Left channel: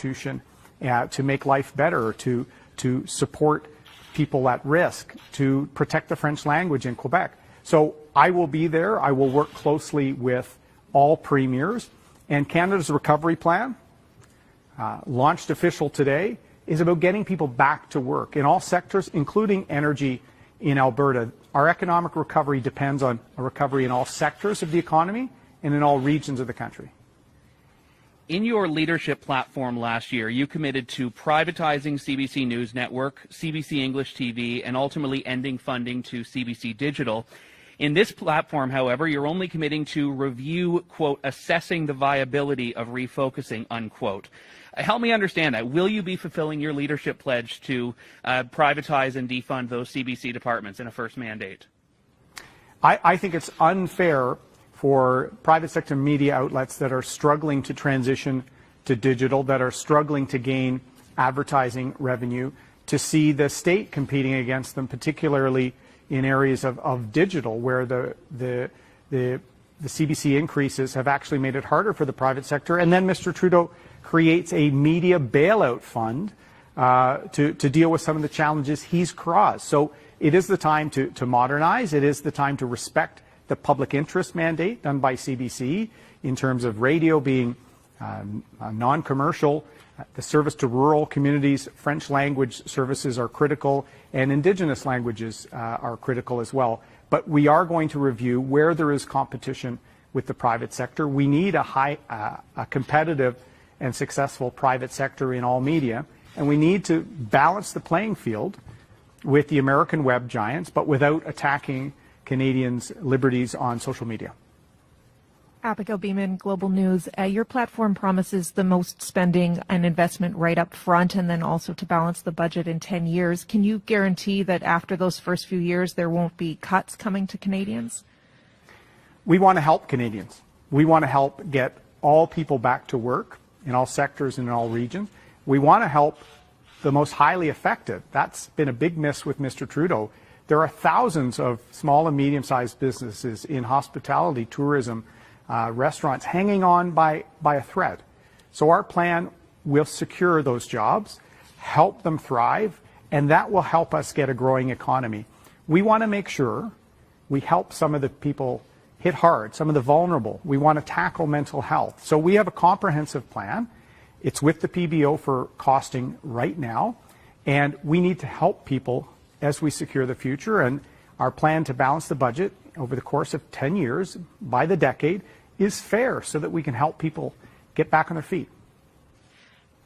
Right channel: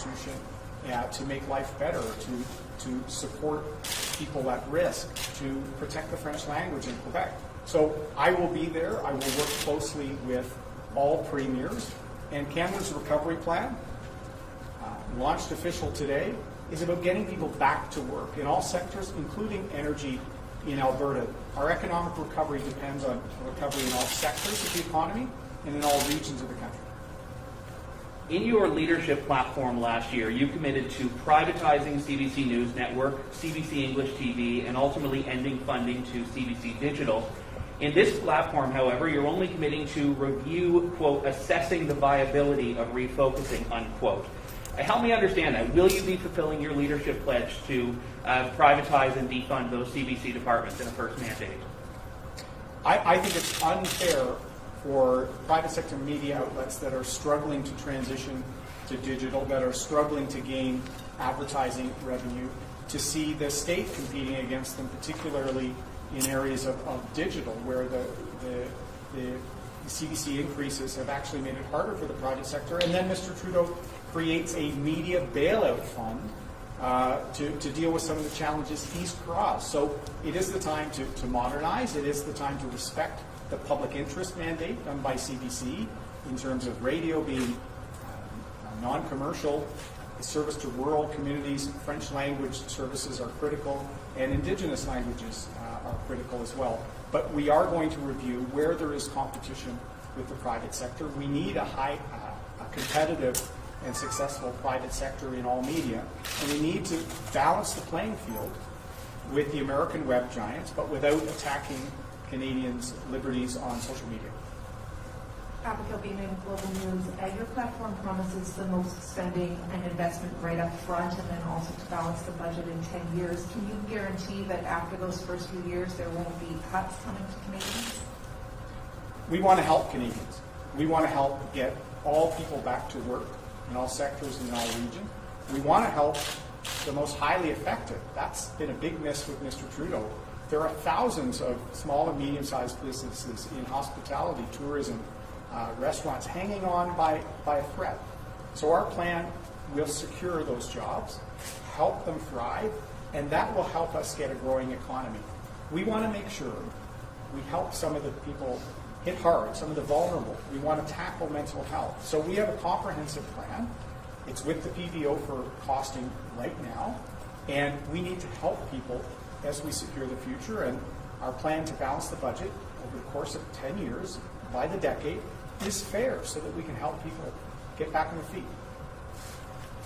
Constitution to make life better, to support people at risk, to protect the French language in Quebec. So I will be there. I will work closely with all premiers. And Canada's recovery plan, launched official today, is about getting people back to work in all sectors, including energy in Alberta. Our economic recovery depends on a recovery in all sectors of the economy and in all regions of the country. In your leadership platform last year, you committed to privatizing CBC News Network, CBC English TV, and ultimately ending funding to CBC Digital. In this platform, however, you're only committing to review, quote, assessing the viability of refocusing, unquote. Help me understand that. Will you be fulfilling your leadership pledge to privatize and defund those CBC departments in a first mandate? I think it's unfair for private sector media outlets that are struggling to transition to digital, that are struggling to gain advertising revenue, to see the state competing against them, particularly in areas of digital, where the CBC increases have actually made it harder for the private sector. And then Mr. Trudeau creates a media bailout fund to deal with some of the challenges he's caused. So it is the time to modernize. It is the time to respect the public interest mandate done by CBC in terms of radio being non-commercial, the service to rural communities, French language services are critical, and Indigenous languages are critical as well. But we are going to review where there is competition with the private sector. We need a competitive and successful private sector in all media, and we need to balance the playing field with the American web giants, but without attacking Canadians' liberties on social media. Abigail Beeman, Global News. Your platform promises the most spending and investment right up front, and then also to balance the budget in 10 years. Can you guarantee that after those first few years there won't be cuts coming to Canadians? We want to help Canadians. We want to help get all people back to work in all sectors and in all regions. We want to help the most highly affected. That's been a big miss with Mr. Trudeau. There are thousands of small and medium-sized businesses in hospitality, tourism, restaurants hanging on by a thread. So our plan will secure those jobs, help them thrive, and that will help us get a growing economy. We want to make sure we help some of the people hit hard, some of the vulnerable. We want to tackle mental health. So we have a comprehensive plan. It's with the PBO for costing right now, and we need to help people as we secure the future. And our plan to balance the budget over the course of 10 years, by the decade, is fair so that we can help people get back on their feet.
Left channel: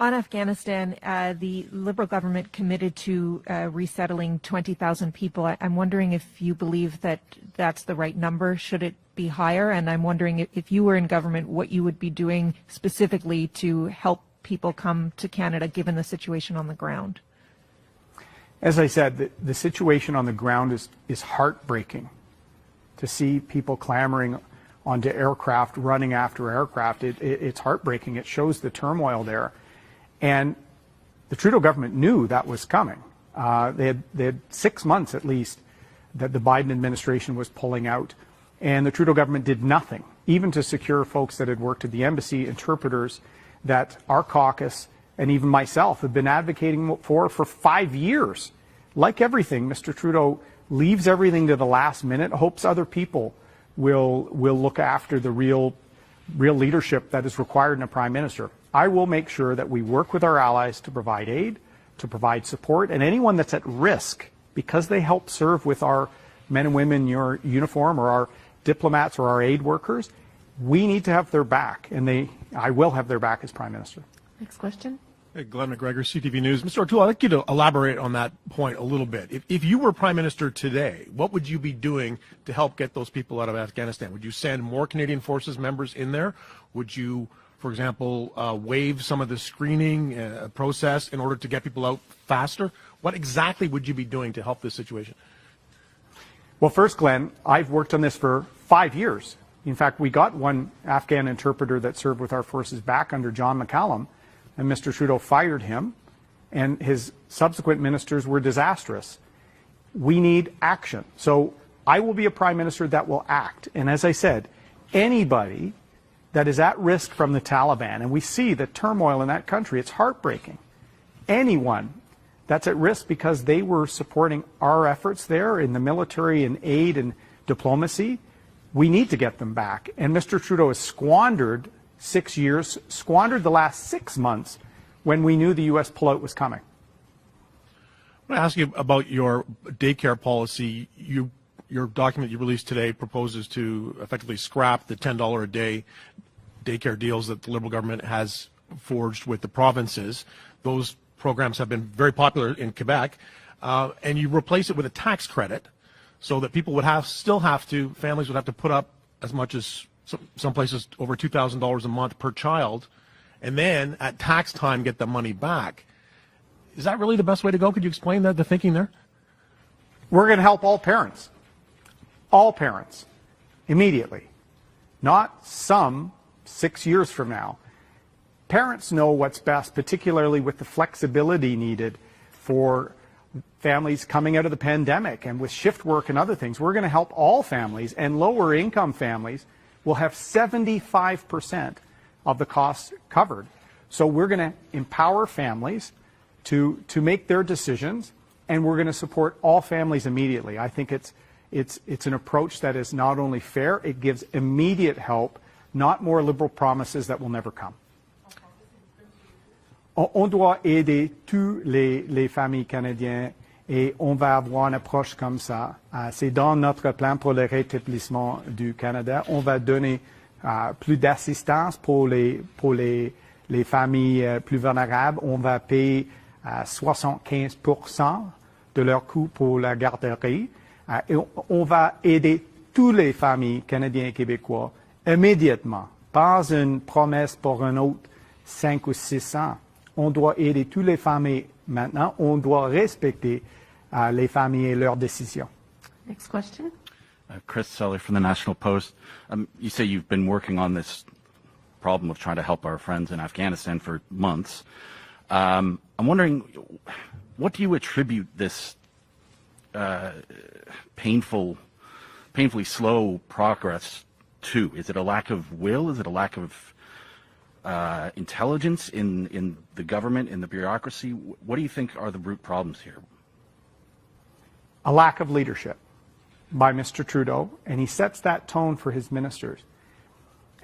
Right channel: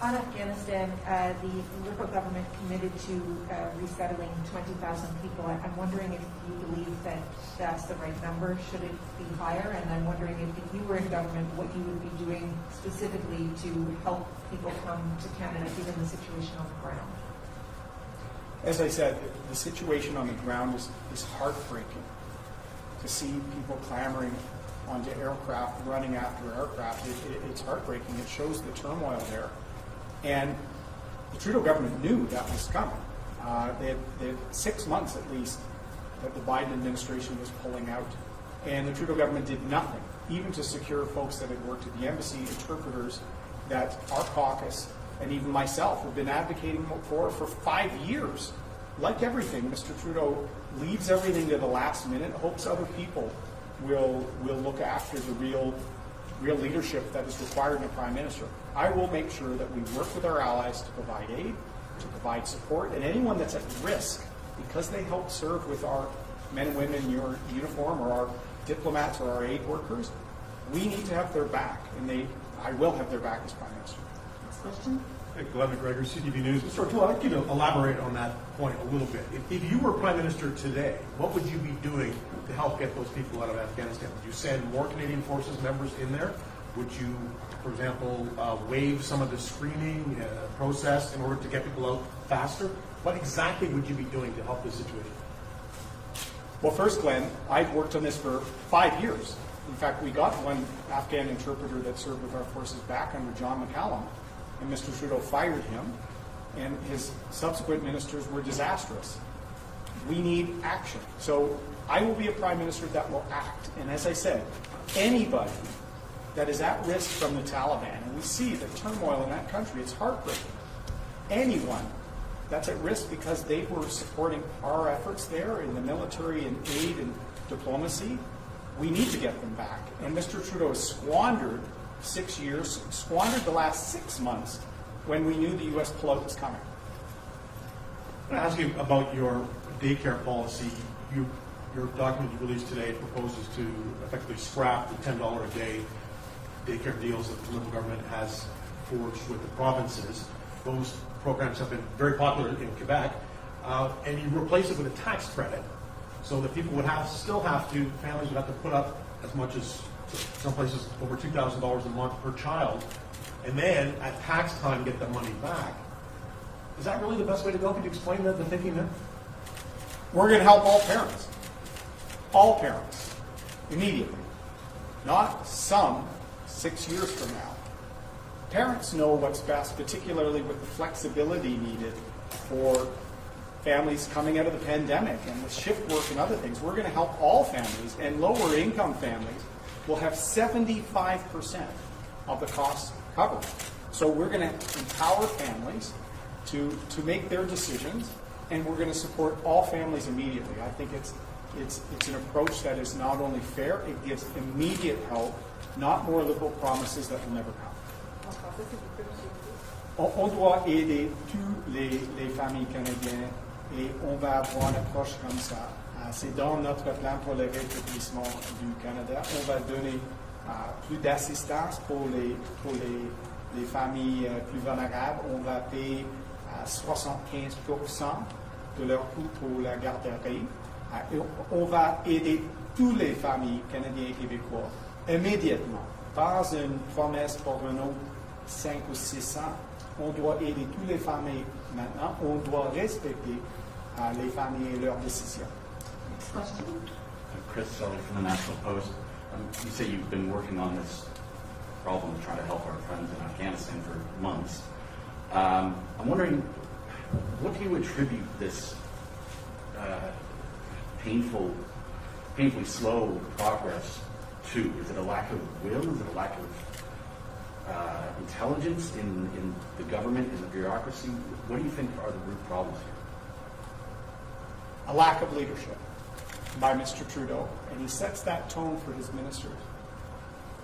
On Afghanistan, the Liberal government committed to resettling 20,000 people. I'm wondering if you believe that that's the right number. Should it be higher? And I'm wondering if you were in government, what you would be doing specifically to help people come to Canada, given the situation on the ground. As I said, the situation on the ground is heartbreaking. To see people clamoring onto aircraft, running after aircraft, it's heartbreaking. It shows the turmoil there. And the Trudeau government knew that was coming. They had 6 months at least that the Biden administration was pulling out. And the Trudeau government did nothing, even to secure folks that had worked at the embassy, interpreters that our caucus and even myself have been advocating for 5 years. Like everything, Mr. Trudeau leaves everything to the last minute, hopes other people will look after the real leadership that is required in a prime minister. I will make sure that we work with our allies to provide aid, to provide support, and anyone that's at risk because they help serve with our men and women in your uniform, or our diplomats or our aid workers, we need to have their back, and I will have their back as prime minister. Next question. Hey, Glenn McGregor, CTV News. Mr. O'Toole, I'd like you to elaborate on that point a little bit. If you were prime minister today, what would you be doing to help get those people out of Afghanistan? Would you send more Canadian Forces members in there? Would you, for example, waive some of the screening process in order to get people out faster? What exactly would you be doing to help this situation? Well, first, Glenn, I've worked on this for 5 years. In fact, we got one Afghan interpreter that served with our forces back under John McCallum, and Mr. Trudeau fired him, and his subsequent ministers were disastrous. We need action. So I will be a prime minister that will act. And as I said, anybody that is at risk from the Taliban, and we see the turmoil in that country, it's heartbreaking. Anyone that's at risk because they were supporting our efforts there in the military and aid and diplomacy, we need to get them back. And Mr. Trudeau has squandered 6 years, squandered the last 6 months when we knew the U.S. pullout was coming. I want to ask you about your daycare policy. Your document you released today proposes to effectively scrap the $10 a day daycare deals that the Liberal government has forged with the provinces. Those programs have been very popular in Quebec, and you replace it with a tax credit so that people would families would have to put up as much as some places over $2,000 a month per child, and then at tax time get the money back. Is that really the best way to go? Could you explain the thinking there? We're going to help all parents, immediately, not some 6 years from now. Parents know what's best, particularly with the flexibility needed for families coming out of the pandemic and with shift work and other things. We're going to help all families, and lower income families will have 75% of the costs covered. So we're going to empower families to make their decisions, and we're going to support all families immediately. I think it's an approach that is not only fair, it gives immediate help, not more liberal promises that will never come. On doit aider tous les familles canadiennes et on va avoir une approche comme ça. C'est dans notre plan pour le rétablissement du Canada. On va donner plus d'assistance pour les familles plus vulnérables. On va payer 75% de leur coût pour la garderie. Et on va aider toutes les familles canadiennes et québécoises immédiatement. Pas une promesse pour un autre 5 ou 6 ans. On doit aider toutes les familles maintenant. On doit respecter les familles et leurs décisions. Next question. Chris Seller from the National Post. You say you've been working on this problem of trying to help our friends in Afghanistan for months. I'm wondering, what do you attribute this painfully slow progress to? Is it a lack of will? Is it a lack of intelligence in the government, in the bureaucracy? What do you think are the root problems here? A lack of leadership by Mr. Trudeau, and he sets that tone for his ministers.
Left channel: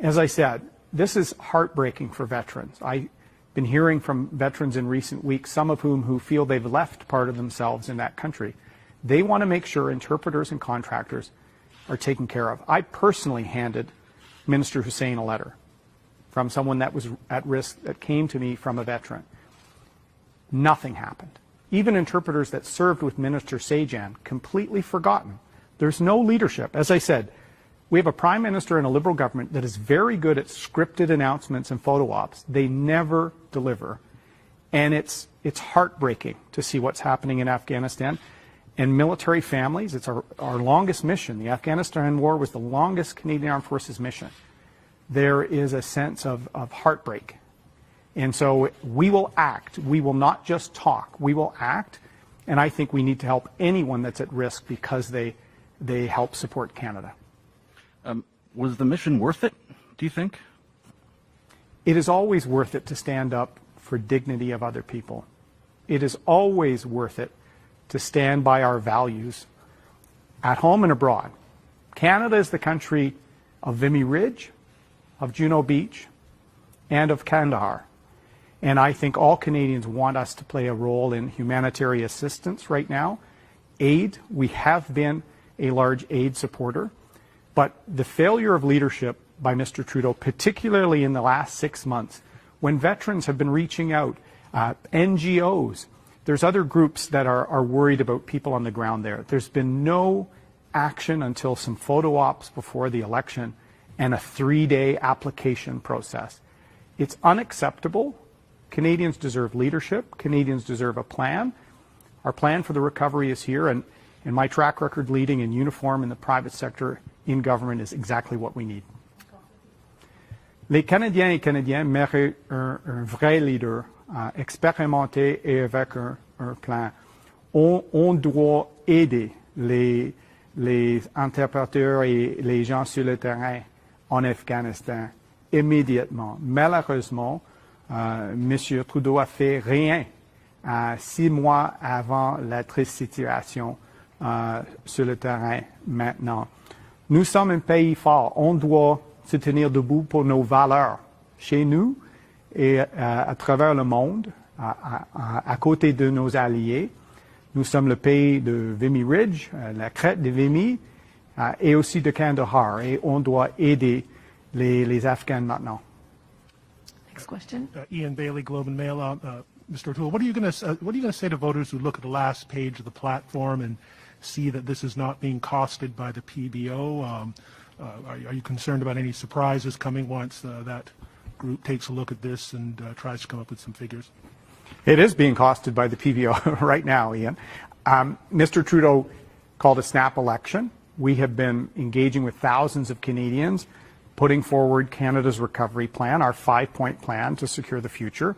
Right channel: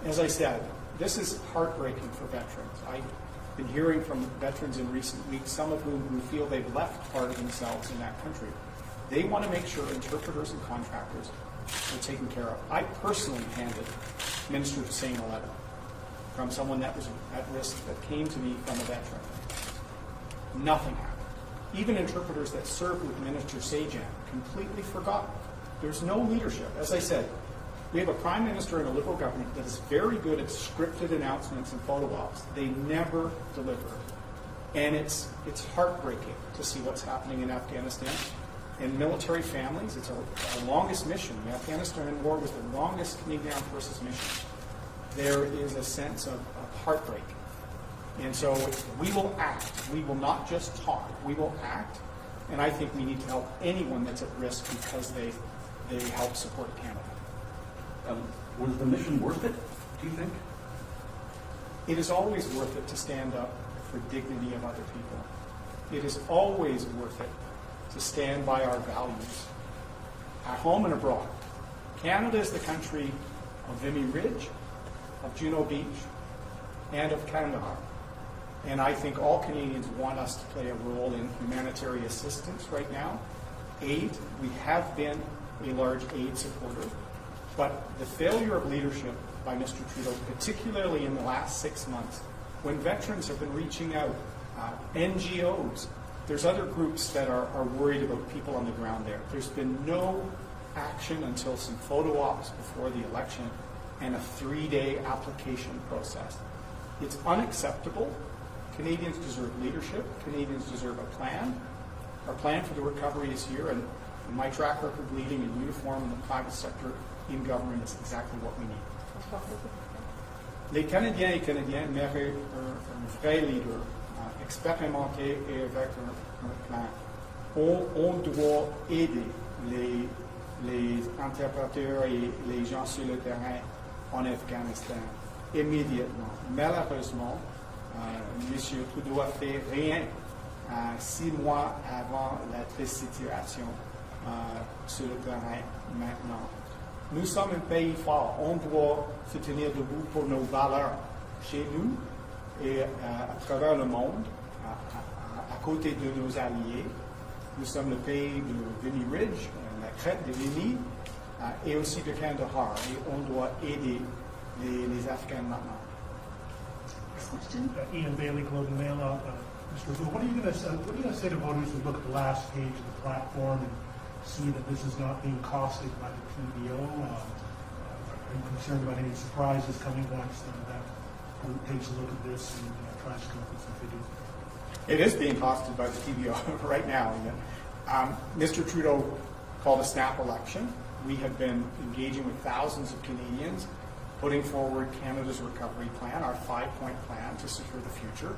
As I said, this is heartbreaking for veterans. I've been hearing from veterans in recent weeks, some of whom who feel they've left part of themselves in that country. They want to make sure interpreters and contractors are taken care of. I personally handed Minister Hussein a letter from someone that was at risk that came to me from a veteran. Nothing happened. Even interpreters that served with Minister Sajan, completely forgotten. There's no leadership. As I said, we have a prime minister and a Liberal government that is very good at scripted announcements and photo ops. They never deliver. And it's heartbreaking to see what's happening in Afghanistan. And military families, it's our longest mission. The Afghanistan war was the longest Canadian Armed Forces mission. There is a sense of heartbreak. And so we will act. We will not just talk. We will act. And I think we need to help anyone that's at risk because they help support Canada. Was the mission worth it, do you think? It is always worth it to stand up for dignity of other people. It is always worth it to stand by our values at home and abroad. Canada is the country of Vimy Ridge, of Juno Beach, and of Kandahar. And I think all Canadians want us to play a role in humanitarian assistance right now. Aid, we have been a large aid supporter, but the failure of leadership by Mr. Trudeau, particularly in the last 6 months, when veterans have been reaching out, NGOs, there's other groups that are worried about people on the ground there. There's been no action until some photo ops before the election and a 3-day application process. It's unacceptable. Canadians deserve leadership. Canadians deserve a plan. Our plan for the recovery is here, and my track record leading in uniform in the private sector in government is exactly what we need. Les Canadiens et Canadiennes méritent un vrai leader, expérimenté et avec un plan. On doit aider les interpréteurs et les gens sur le terrain en Afghanistan. immédiatement. Malheureusement, M. Trudeau a fait rien 6 mois avant la triste situation sur le terrain maintenant. Nous sommes un pays fort. On doit se tenir debout pour nos valeurs chez nous et à travers le monde, à côté de nos alliés. Nous sommes le pays de Vimy Ridge, la crête de Vimy, et aussi de Kandahar. Et on doit aider les Afghans maintenant. Next question. Ian Bailey, Globe and Mail. Mr. O'Toole, what are you going to say to voters who look at the last page of the platform and see that this is not being costed by the PBO? Are you concerned about any surprises coming once that group takes a look at this and tries to come up with some figures? It is being costed by the PBO right now, Ian. Mr. Trudeau called a snap election. We have been engaging with thousands of Canadians, putting forward Canada's recovery plan, our 5-point plan to secure the future.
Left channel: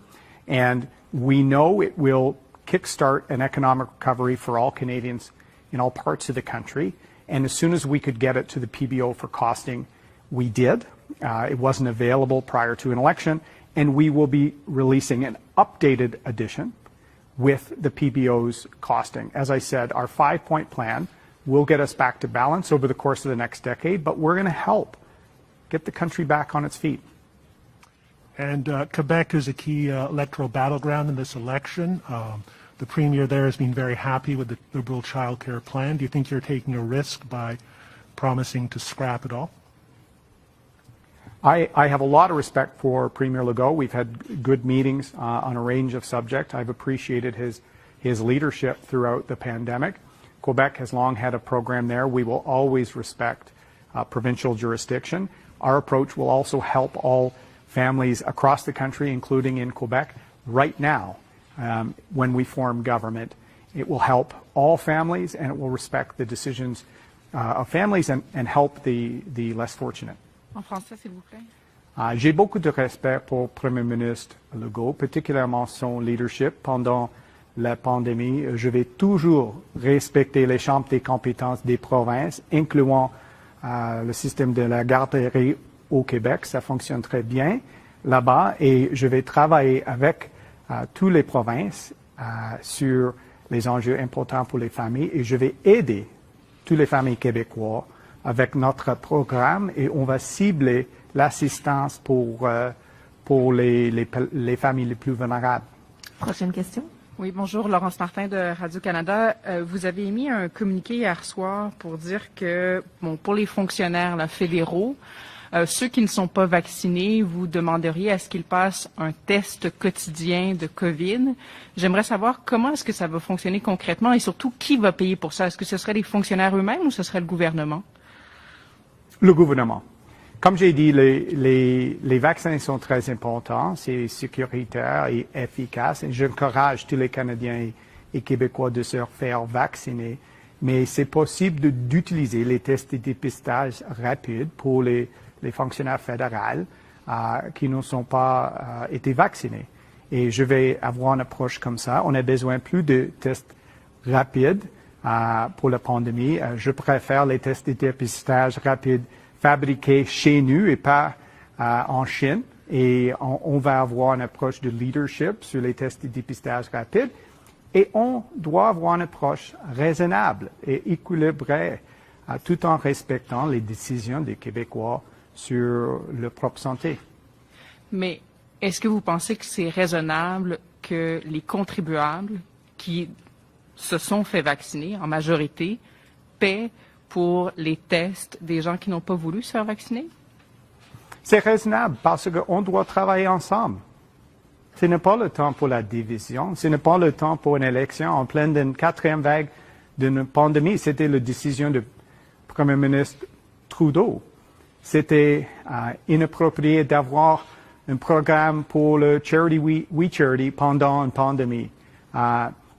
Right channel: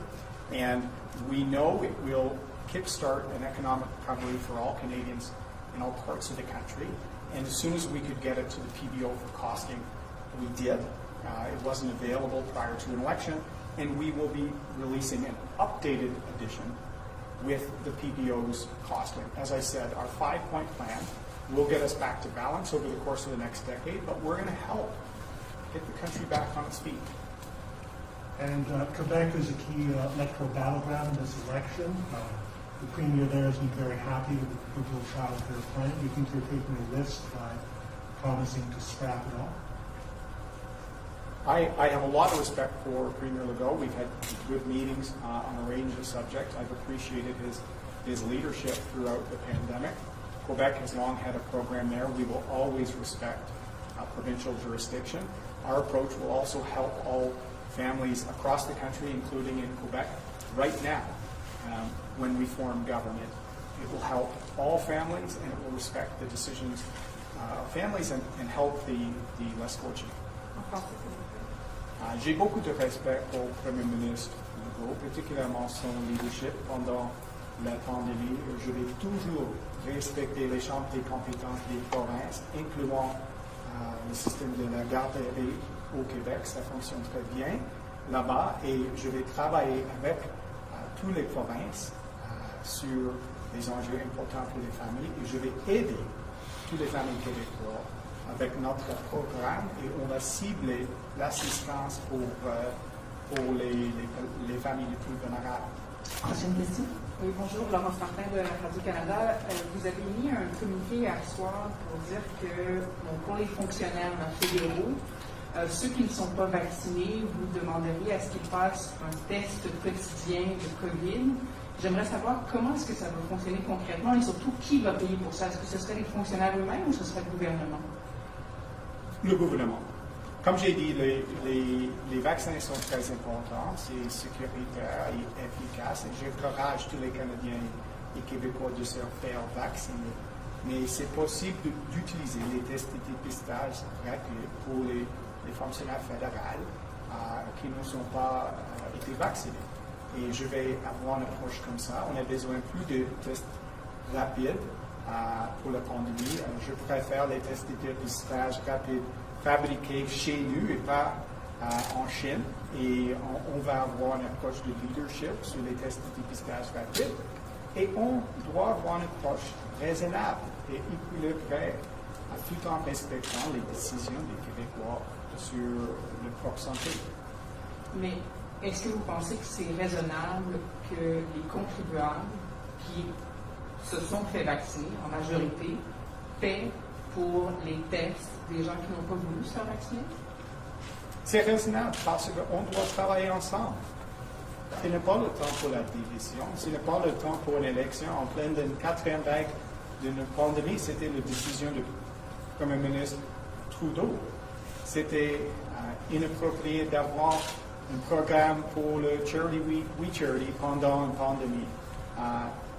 And we know it will kickstart an economic recovery for all Canadians in all parts of the country. And as soon as we could get it to the PBO for costing, we did. It wasn't available prior to an election. And we will be releasing an updated edition with the PBO's costing. As I said, our 5-point plan will get us back to balance over the course of the next decade, but we're going to help get the country back on its feet. And Quebec is a key electoral battleground in this election. The Premier there has been very happy with the Liberal child care plan. Do you think you're taking a risk by promising to scrap it all? I have a lot of respect for Premier Legault. We've had good meetings on a range of subjects. I've appreciated his leadership throughout the pandemic. Quebec has long had a program there. We will always respect provincial jurisdiction. Our approach will also help all families across the country, including in Quebec. Right now, when we form government, it will help all families and it will respect the decisions of families and help the less fortunate. En français, s'il vous plaît. J'ai beaucoup de respect pour le Premier ministre Legault, particulièrement son leadership pendant la pandémie. Je vais toujours respecter les champs des compétences des provinces, incluant le système de la garderie au Québec. Ça fonctionne très bien là-bas et je vais travailler avec toutes les provinces sur les enjeux importants pour les familles et je vais aider toutes les familles québécoises avec notre programme et on va cibler l'assistance pour les familles les plus vulnérables. Prochaine question. Oui, bonjour, Laurence Martin de Radio-Canada. Vous avez émis un communiqué hier soir pour dire que, pour les fonctionnaires fédéraux, ceux qui ne sont pas vaccinés, vous demanderiez à ce qu'ils passent un test quotidien de COVID. J'aimerais savoir comment est-ce que ça va fonctionner concrètement et surtout qui va payer pour ça. Est-ce que ce seraient les fonctionnaires eux-mêmes ou ce serait le gouvernement? Le gouvernement. Comme j'ai dit, les vaccins sont très importants, c'est sécuritaire et efficace. Et j'encourage tous les Canadiens et Québécois de se faire vacciner. Mais c'est possible d'utiliser les tests de dépistage rapides pour les fonctionnaires fédéraux qui ne sont pas été vaccinés. Et je vais avoir une approche comme ça. On a besoin plus de tests rapides pour la pandémie. Je préfère les tests de dépistage rapides fabriqués chez nous et pas en Chine. Et on va avoir une approche de leadership sur les tests de dépistage rapides. Et on doit avoir une approche raisonnable et équilibrée tout en respectant les décisions des Québécois sur leur propre santé. Mais est-ce que vous pensez que c'est raisonnable que les contribuables qui se sont fait vacciner en majorité paient pour les tests des gens qui n'ont pas voulu se faire vacciner? C'est raisonnable parce qu'on doit travailler ensemble. Ce n'est pas le temps pour la division, ce n'est pas le temps pour une élection en pleine d'une 4e vague d'une pandémie. C'était la décision du Premier ministre Trudeau. C'était inapproprié d'avoir un programme pour le Charity We Charity pendant une pandémie.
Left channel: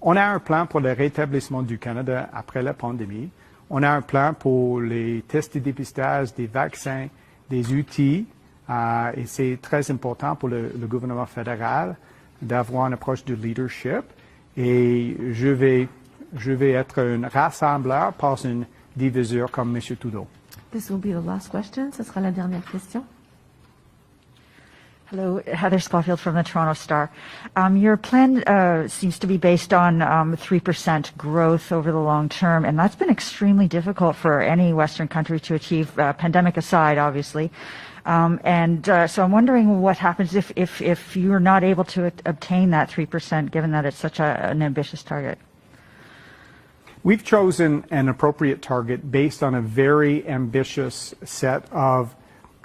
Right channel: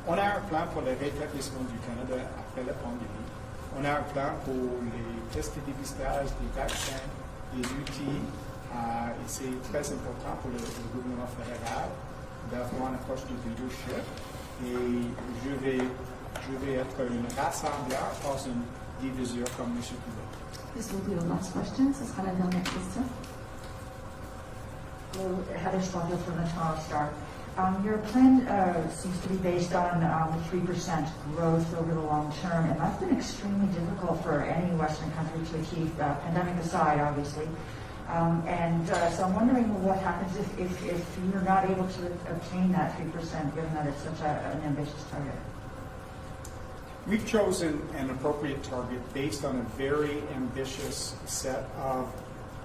On a un plan pour le rétablissement du Canada après la pandémie. On a un plan pour les tests de dépistage, des vaccins, des outils. Et c'est très important pour le gouvernement fédéral d'avoir une approche de leadership. Et je vais être un rassembleur, pas un diviseur comme M. Trudeau. This will be the last question. Ce sera la dernière question. Hello, Heather Schofield from the Toronto Star. Your plan seems to be based on 3% growth over the long term, and that's been extremely difficult for any Western country to achieve, pandemic aside, obviously. So I'm wondering what happens if you're not able to obtain that 3%, given that it's such an ambitious target. We've chosen an appropriate target based on a very ambitious set of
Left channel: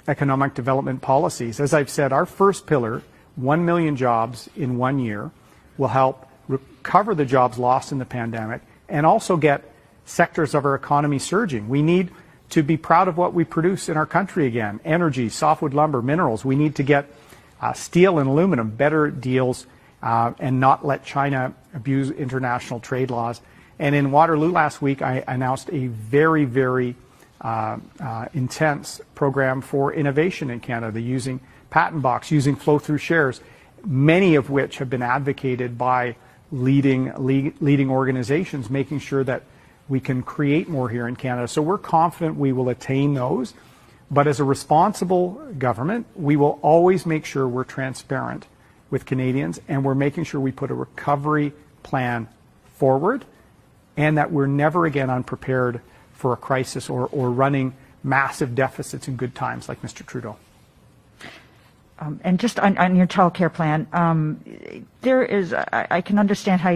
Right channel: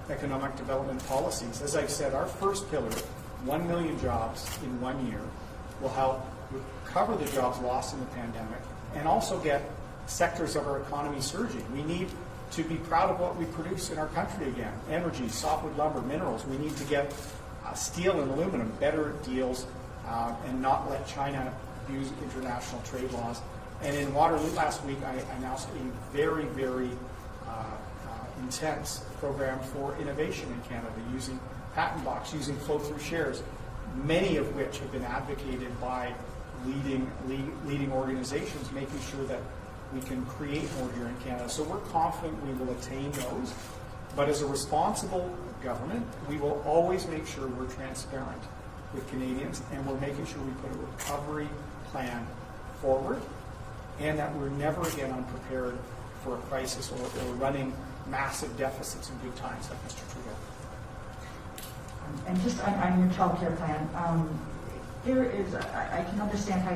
economic development policies. As I've said, our first pillar, 1 million jobs in 1 year, will help recover the jobs lost in the pandemic and also get sectors of our economy surging. We need to be proud of what we produce in our country again. Energy, softwood lumber, minerals. We need to get steel and aluminum, better deals, and not let China abuse international trade laws. And in Waterloo last week, I announced a very, very intense program for innovation in Canada, using Patent Box, using flow-through shares, many of which have been advocated by leading organizations, making sure that we can create more here in Canada. So we're confident we will attain those. But as a responsible government, we will always make sure we're transparent with Canadians, and we're making sure we put a recovery plan forward, and that we're never again unprepared for a crisis or running massive deficits in good times like Mr. Trudeau. And just on your child care plan, there is, I can understand how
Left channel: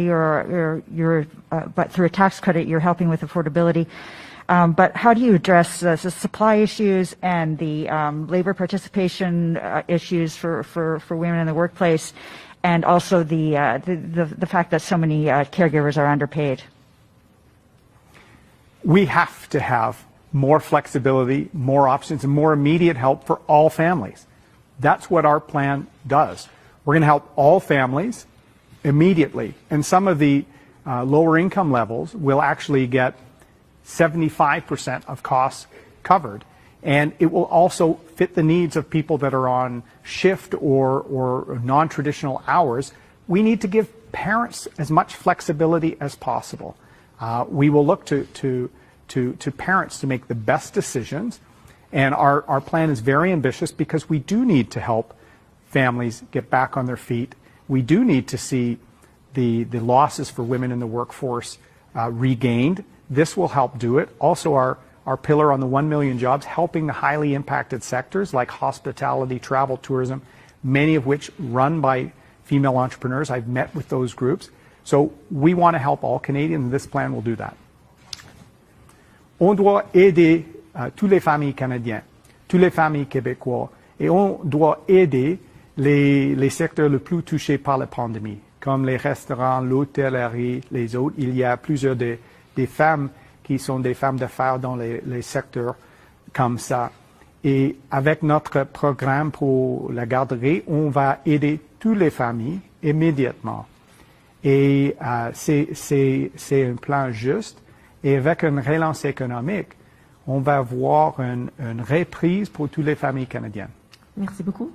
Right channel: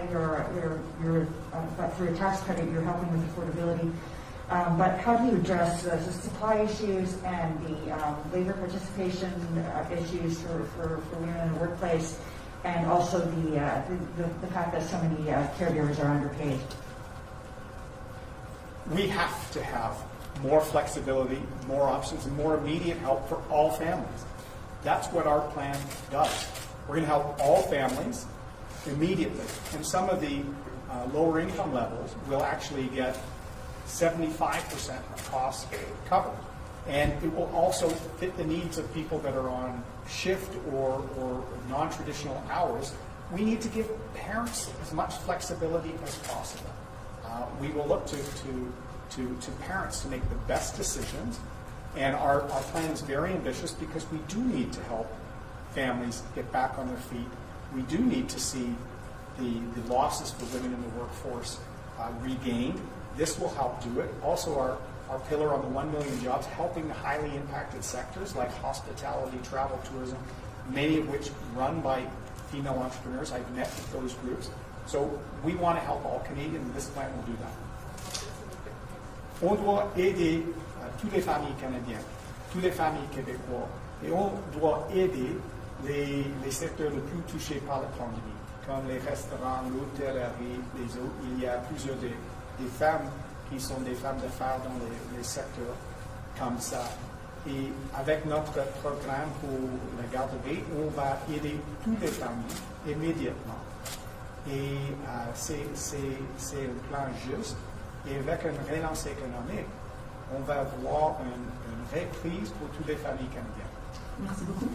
but through a tax credit you're helping with affordability, but how do you address the supply issues and the labor participation issues for women in the workplace, and also the fact that so many caregivers are underpaid? We have to have more flexibility, more options, and more immediate help for all families. That's what our plan does. We're going to help all families immediately. And some of the lower income levels will actually get 75% of costs covered. And it will also fit the needs of people that are on shift or non-traditional hours. We need to give parents as much flexibility as possible. We will look to parents to make the best decisions. And our plan is very ambitious because we do need to help families get back on their feet. We do need to see the losses for women in the workforce regained. This will help do it. Also, our pillar on the 1 million jobs, helping the highly impacted sectors like hospitality, travel, tourism, many of which run by female entrepreneurs. I've met with those groups. So we want to help all Canadians, and this plan will do that. On doit aider toutes les familles canadiennes, toutes les familles québécoises, et on doit aider les secteurs les plus touchés par la pandémie, comme les restaurants, l'hôtellerie, les autres. Il y a plusieurs des femmes qui sont des femmes d'affaires dans les secteurs comme ça. Et avec notre programme pour la garderie, on va aider toutes les familles immédiatement. Et c'est un plan juste. Et avec une relance économique, on va voir une reprise pour toutes les familles canadiennes. Merci beaucoup.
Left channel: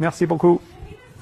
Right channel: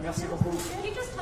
Merci beaucoup. Can you just